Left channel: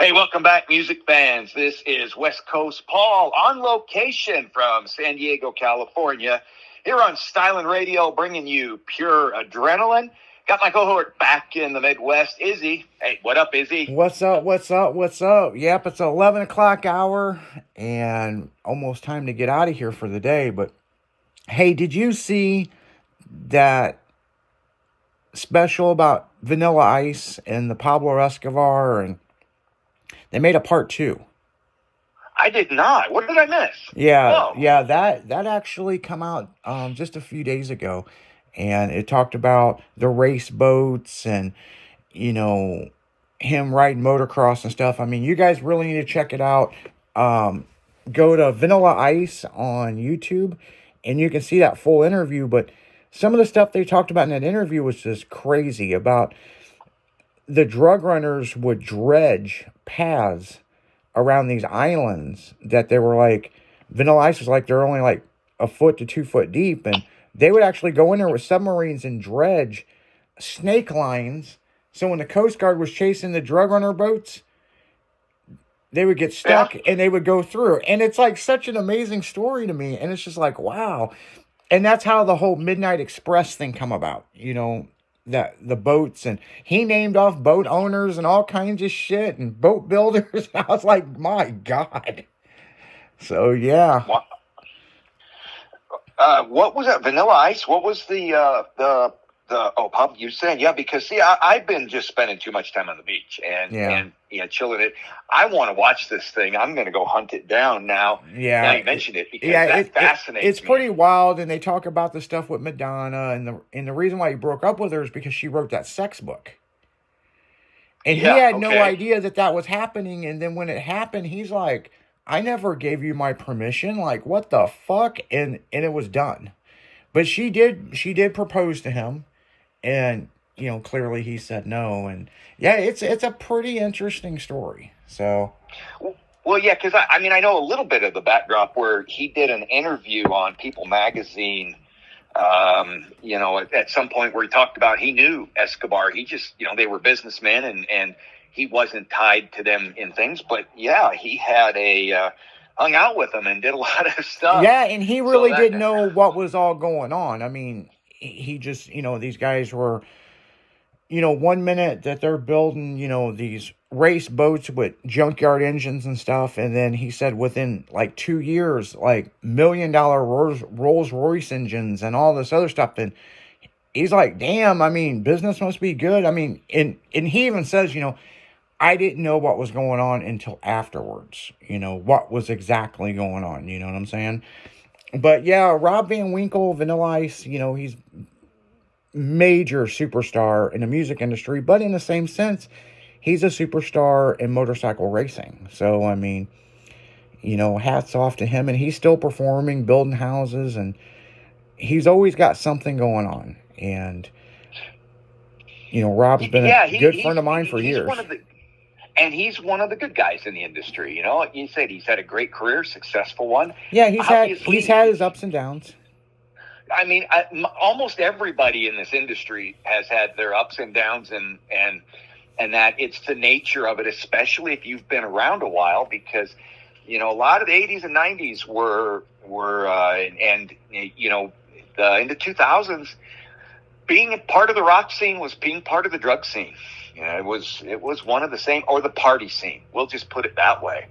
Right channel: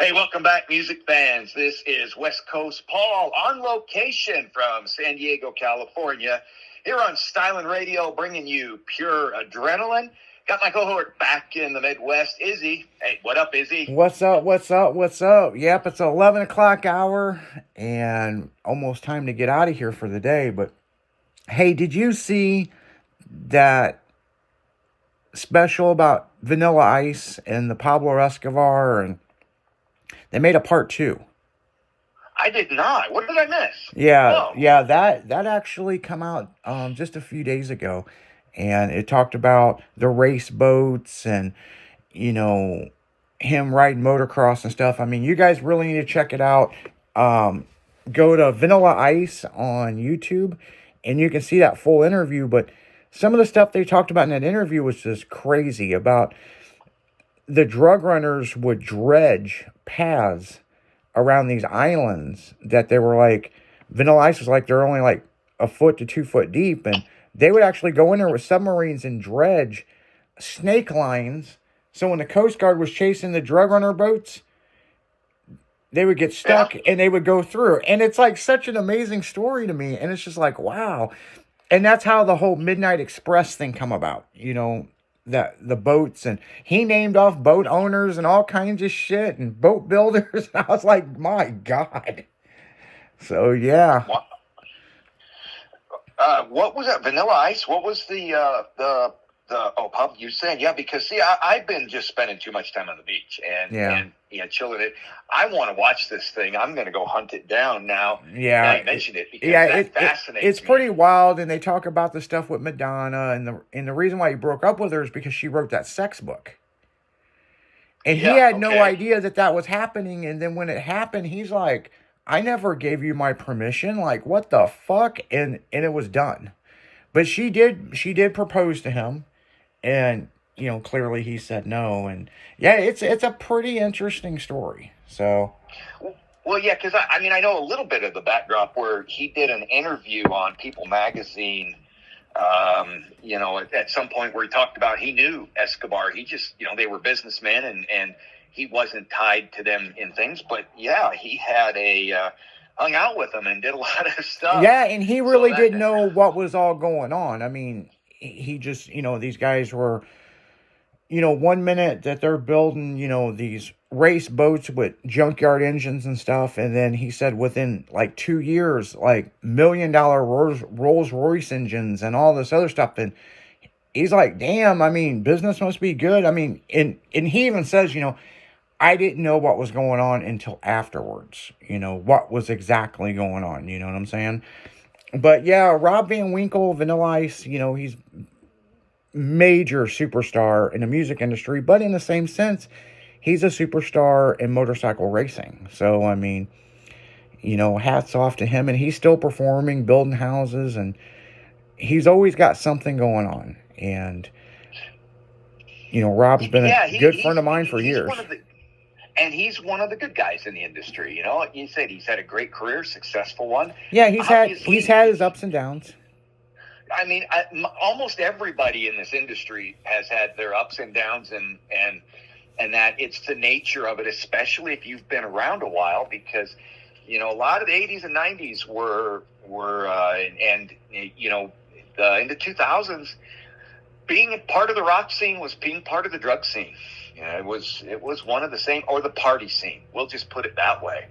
Hey, welcome back, music fans. This is West Coast Paul on location from San Diego, California, here on Stylin' Radio, bringing you pure adrenaline. Got my cohort back in the Midwest, Izzy. Hey, what up, Izzy? What's up? What's up? What's up? Yep, it's 11 o'clock hour and almost time to get out of here for the day. But hey, did you see that special about Vanilla Ice and the Pablo Escobar? And they made a part 2. I did not. What did I miss? Yeah, that actually come out just a few days ago, and it talked about the race boats and him riding motocross and stuff. I mean, you guys really need to check it out. Go to Vanilla Ice on YouTube, and you can see that full interview. But some of the stuff they talked about in that interview was just crazy. About the drug runners would dredge paths around these islands that they were like, Vanilla Ice was like, they're only like a foot to 2 foot deep, and they would actually go in there with submarines and dredge snake lines. So when the Coast Guard was chasing the drug runner boats, they would get stuck and they would go through. And it's like such an amazing story to me. And it's just like, wow. And that's how the whole Midnight Express thing come about, that the boats, and he named off boat owners and all kinds of shit and boat builders. I was like, my God. So yeah. What was that? Vanilla Ice? What was pub you saying? Yeah, because see, I've been just spending too much time on the beach and chilling it. I want to watch this thing. I'm going to go hunt it down now. Yeah, now you mentioned it because that fascinates it's me. pretty wild, and they talk about the stuff with Madonna, and the reason why he broke up with her is because she wrote that sex book, and he had no idea that was happening. And then when it happened, he's like, "I never gave you my permission. Like, what the fuck?" And it was done. But she did propose to him. And, clearly he said no. And, yeah, it's a pretty interesting story. So. Well, yeah, because, I know a little bit of the backdrop where he did an interview on People Magazine, at some point where he talked about he knew Escobar. He just, they were businessmen and he wasn't tied to them in things. But, yeah, he had hung out with them and did a lot of stuff. Yeah, and he really didn't know what was all going on. I mean, he just, these guys were, 1 minute that they're building, these race boats with junkyard engines and stuff. And then he said within like 2 years, like $1 million Rolls Royce engines and all this other stuff. And he's like, damn, I mean, business must be good. I mean, and he even says, I didn't know what was going on until afterwards, what was exactly going on. You know what I'm saying? But yeah, Rob Van Winkle, Vanilla Ice, he's major superstar in the music industry, but in the same sense, he's a superstar in motorcycle racing. So, I mean, hats off to him, and he's still performing, building houses, and he's always got something going on. And, Rob's been a good friend of mine for years. And he's one of the good guys in the industry. You said he's had a great career, successful one. Yeah, he's had his ups and downs. I mean, almost everybody in this industry has had their ups and downs, and that it's the nature of it, especially if you've been around a while, because a lot of the 80s and 90s were in the 2000s, being part of the rock scene was being part of the drug scene. It was one of the same, or the party scene. We'll just put it that way.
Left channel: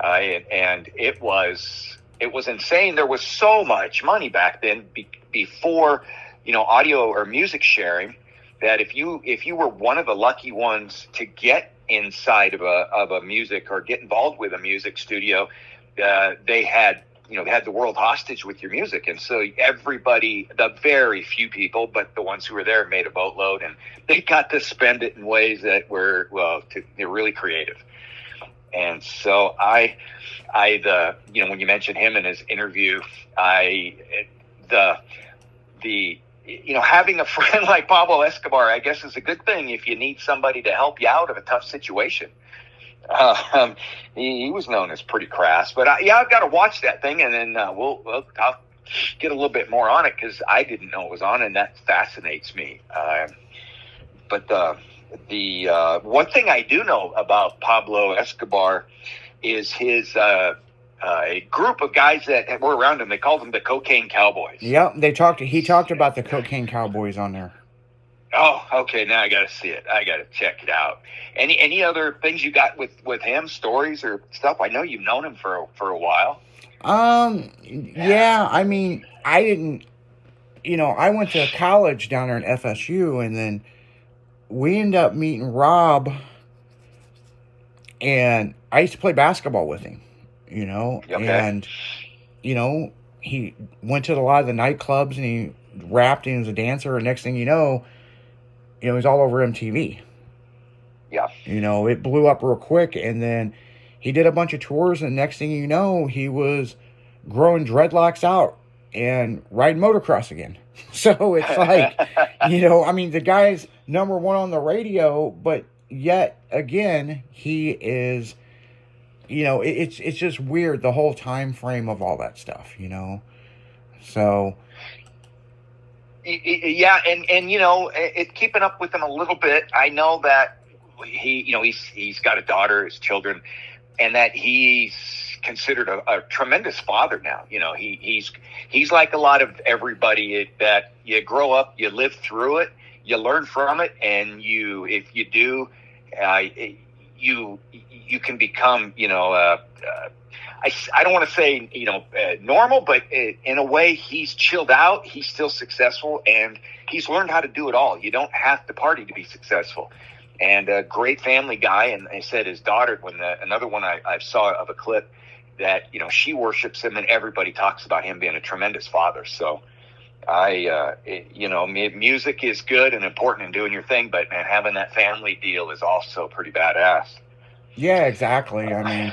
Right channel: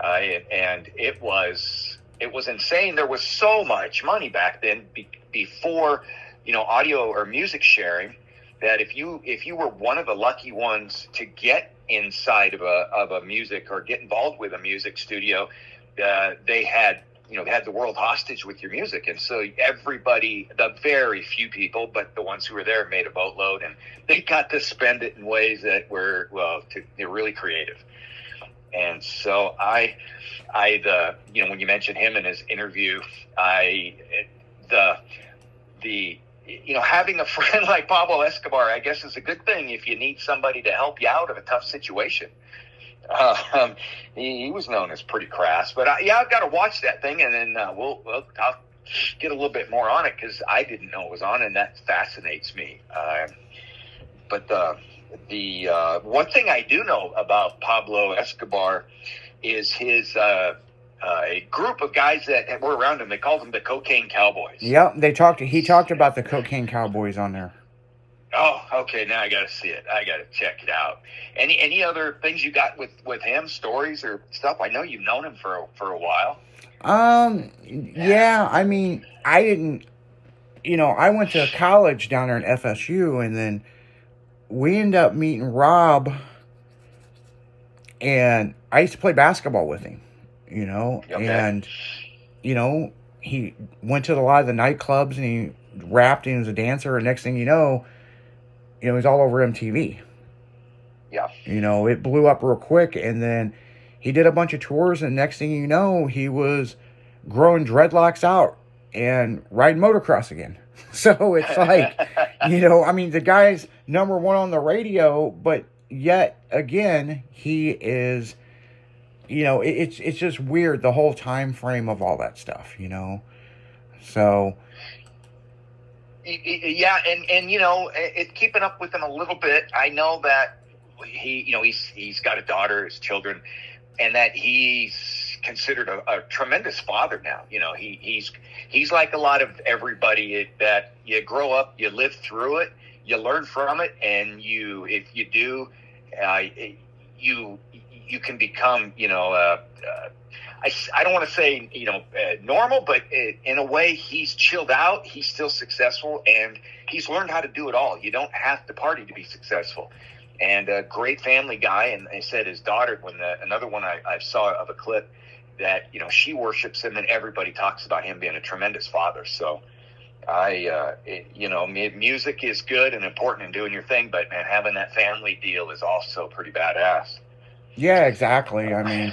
And it was insane. There was so much money back then before, audio or music sharing, that if you were one of the lucky ones to get inside of a music or get involved with a music studio, they had the world hostage with your music. And so everybody, the very few people, but the ones who were there, made a boatload, and they got to spend it in ways that were, they're really creative. And so when you mentioned him in his interview, having a friend like Pablo Escobar, I guess, is a good thing if you need somebody to help you out in a tough situation. He was known as pretty crass, but I've got to watch that thing, and then I'll get a little bit more on it, because I didn't know it was on, and that fascinates me. But the one thing I do know about Pablo Escobar is his a group of guys that were around him. They called them the Cocaine Cowboys. Yep, he talked about the Cocaine Cowboys on there. Oh, okay. Now I got to see it. I got to check it out. Any other things you got with him, stories or stuff? I know you've known him for a while. Yeah, I mean, I didn't, I went to college down there in FSU, and then we ended up meeting Rob, and I used to play basketball with him, Okay. and, he went to a lot of the nightclubs, and he rapped, and he was a dancer, and next thing you know, he's all over MTV. Yeah. It blew up real quick, and then he did a bunch of tours, and next thing you know, he was growing dreadlocks out and riding motocross again. So it's like, I mean, the guy's number one on the radio, but yet again, he is, it's just weird, the whole time frame of all that stuff, So yeah, and it's keeping up with him a little bit. I know that he's got a daughter, his children, and that he's considered a tremendous father now. He's like a lot of everybody that you grow up, you live through it, you learn from it, and if you do, you can become, I don't want to say, normal, but in a way, he's chilled out. He's still successful, and he's learned how to do it all. You don't have to party to be successful. And a great family guy. And I said his daughter, another one I saw of a clip that, she worships him, and everybody talks about him being a tremendous father. So music is good and important in doing your thing, but man, having that family deal is also pretty badass. Yeah, exactly. I mean,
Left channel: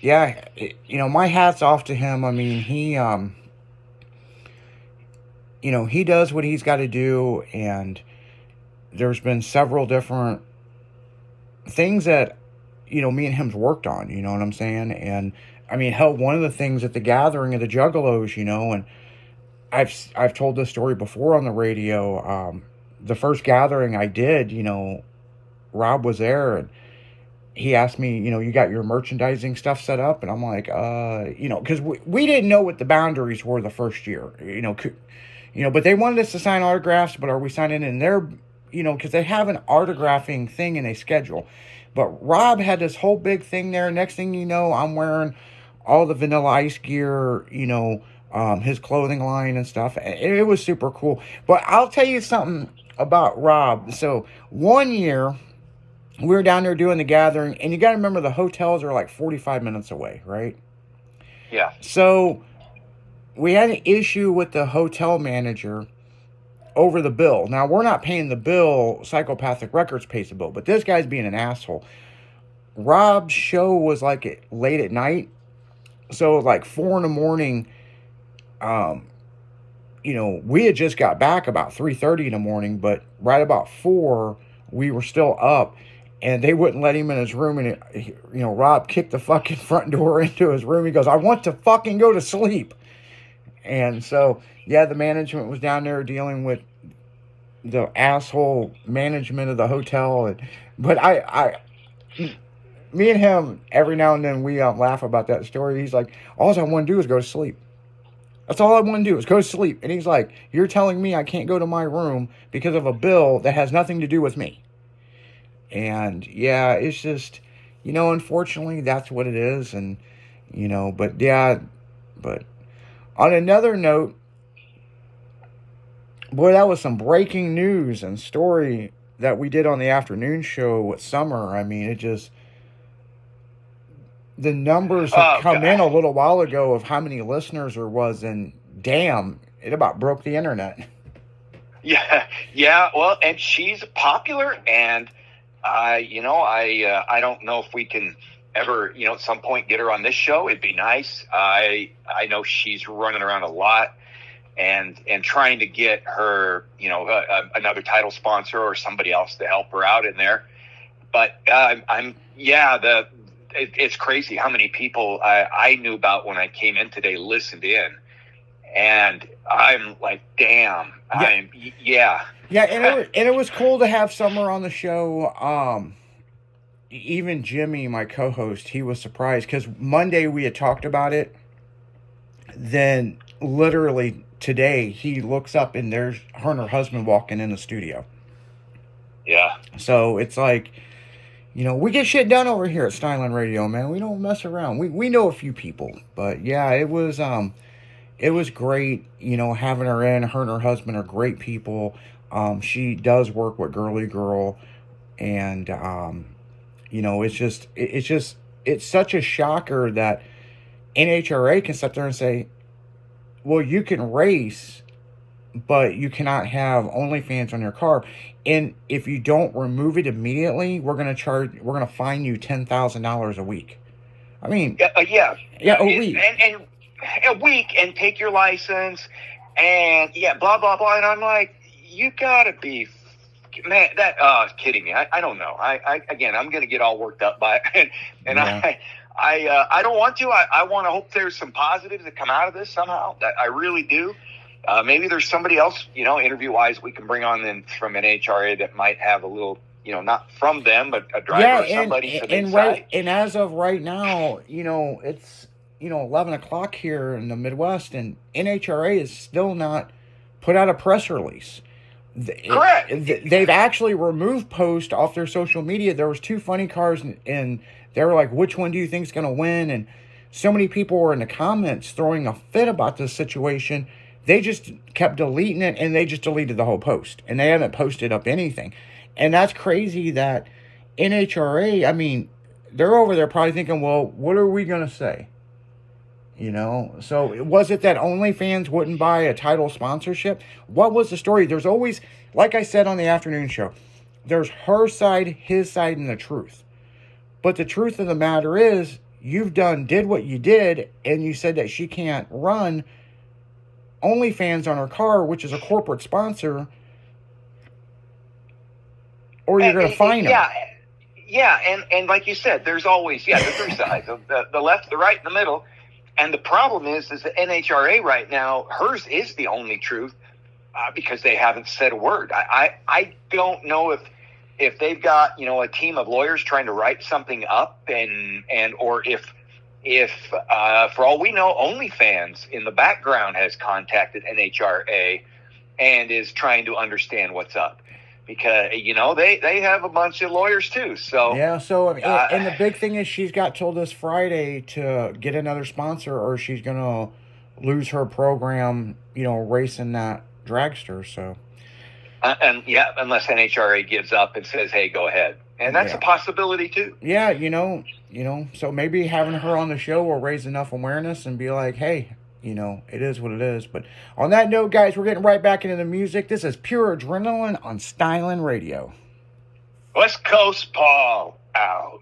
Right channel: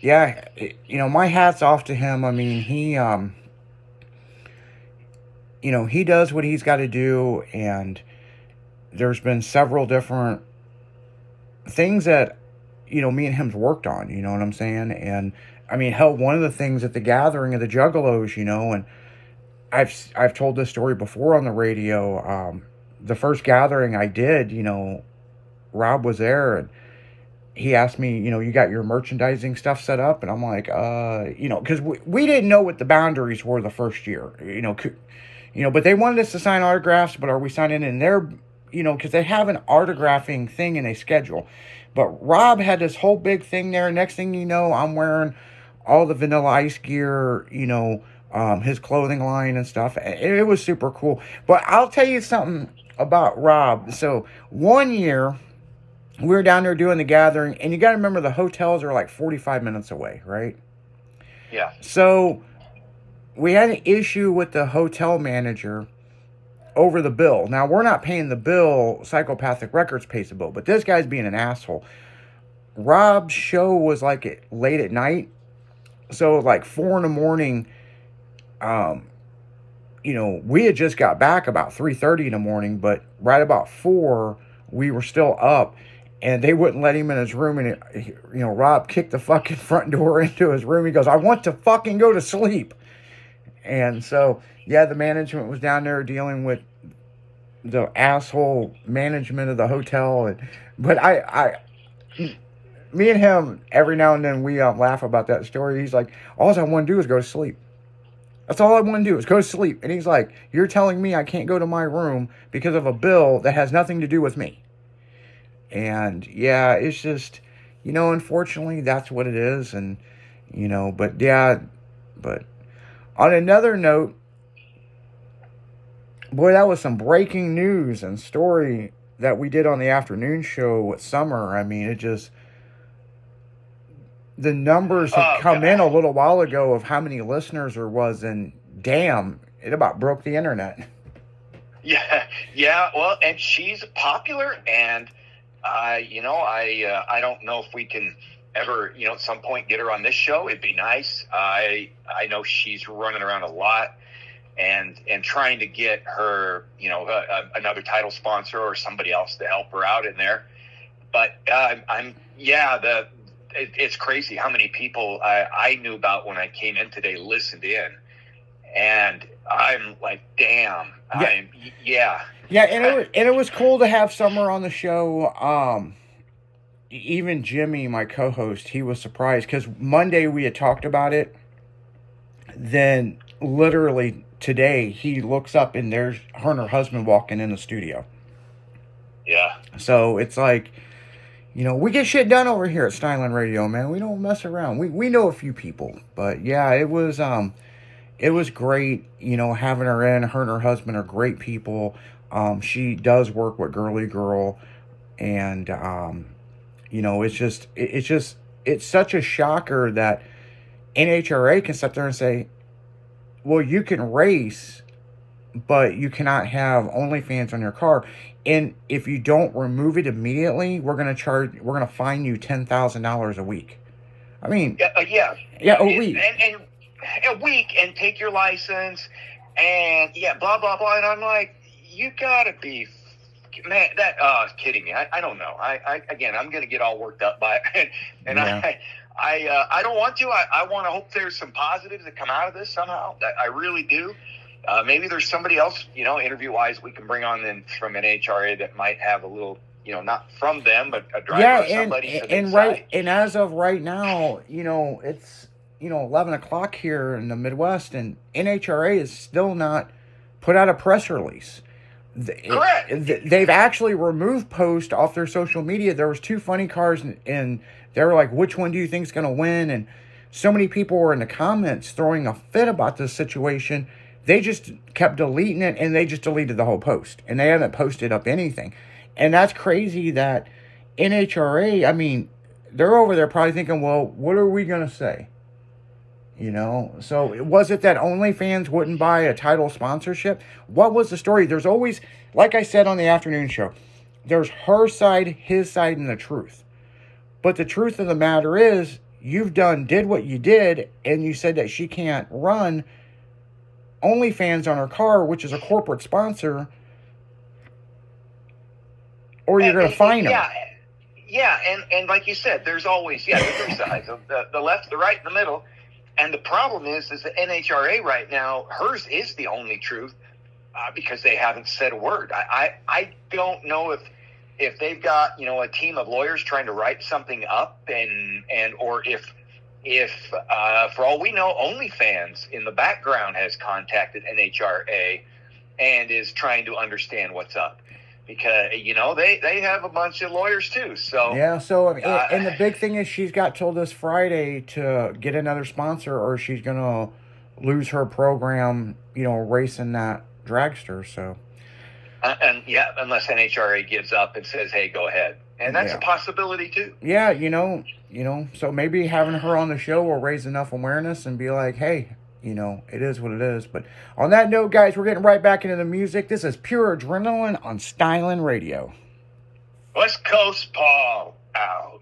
yeah, my hat's off to him. I mean, he does what he's got to do, and there's been several different things that, me and him's worked on, you know what I'm saying? And I mean, hell, one of the things at the gathering of the Juggalos, and I've told this story before on the radio. The first gathering I did, Rob was there, and he asked me, you got your merchandising stuff set up? And I'm like, because we didn't know what the boundaries were the first year, but they wanted us to sign autographs, but are we signing in their, because they have an autographing thing in a schedule. But Rob had this whole big thing there. Next thing you know, I'm wearing all the Vanilla Ice gear, his clothing line and stuff. It was super cool. But I'll tell you something about Rob. So one year, we were down there doing the gathering, and you got to remember the hotels are like 45 minutes away, right? Yeah. So we had an issue with the hotel manager over the bill. Now, we're not paying the bill. Psychopathic Records pays the bill, but this guy's being an asshole. Rob's show was like late at night, so like 4 a.m. We had just got back about 3:30 in the morning, but right about 4, we were still up, and they wouldn't let him in his room. And Rob kicked the fucking front door into his room. He goes, "I want to fucking go to sleep." And so, yeah, the management was down there dealing with the asshole management of the hotel. But me and him, every now and then we laugh about that story. He's like, all I want to do is go to sleep. That's all I want to do is go to sleep. And he's like, you're telling me I can't go to my room because of a bill that has nothing to do with me. And yeah, it's just, unfortunately that's what it is. And, but yeah, but on another note, boy, that was some breaking news and story that we did on the afternoon show with Summer. I mean, the numbers had come in a little while ago of how many listeners there was, and damn, it about broke the internet. Yeah. Well, and she's popular, and I don't know if we can ever, at some point get her on this show. It'd be nice. I know she's running around a lot and trying to get her, another title sponsor or somebody else to help her out in there. But it's crazy how many people I knew about when I came in today listened in, and I'm like, damn. Yeah. Yeah, and it was cool to have Summer on the show. Even Jimmy, my co-host, he was surprised because Monday we had talked about it. Then literally today he looks up and there's her and her husband walking in the studio. Yeah. So it's like, we get shit done over here at Styling Radio, man. We don't mess around. We know a few people, but yeah, it was great, having her in. Her and her husband are great people. She does work with Girly Girl, and it's such a shocker that NHRA can sit there and say, well, you can race, but you cannot have OnlyFans on your car. And if you don't remove it immediately, we're gonna fine you $10,000 a week. I mean, yeah, a week, and a week, and take your license, and blah blah blah. And I'm like, you gotta be, man, that kidding me. I don't know. Again, I'm gonna get all worked up by it, and Yeah. I don't want to. I want to hope there's some positives that come out of this somehow. I really do. Maybe there's somebody else, interview-wise, we can bring on then from NHRA that might have a little, not from them, but a driver or somebody. And as of right now, it's 11 o'clock here in the Midwest, and NHRA is still not put out a press release. Correct. They've actually removed posts off their social media. There was 2 funny cars, and they were like, which one do you think is going to win? And so many people were in the comments throwing a fit about this situation. They just kept deleting it, and they just deleted the whole post, and they haven't posted up anything. And that's crazy that NHRA, I mean, they're over there probably thinking, well, what are we going to say? So was it that OnlyFans wouldn't buy a title sponsorship? What was the story? There's always, like I said on the afternoon show, there's her side, his side, and the truth. But the truth of the matter is, did what you did, and you said that she can't run OnlyFans on her car, which is a corporate sponsor, or you're going to fine her. Yeah, and like you said, there's always, the three sides, the left, the right, and the middle. And the problem is the NHRA right now, hers is the only truth because they haven't said a word. I don't know if they've got, a team of lawyers trying to write something up or if for all we know, OnlyFans in the background has contacted NHRA and is trying to understand what's up. Because, they have a bunch of lawyers too. So yeah, and the big thing is she's got till this Friday to get another sponsor or she's going to lose her program, racing that dragster. So. Unless NHRA gives up and says, hey, go ahead. And that's a possibility too. Yeah, so maybe having her on the show will raise enough awareness and be like, hey, it is what it is. But on that note, guys, we're getting right back into the music. This is Pure Adrenaline on Styling Radio. West Coast Paul out.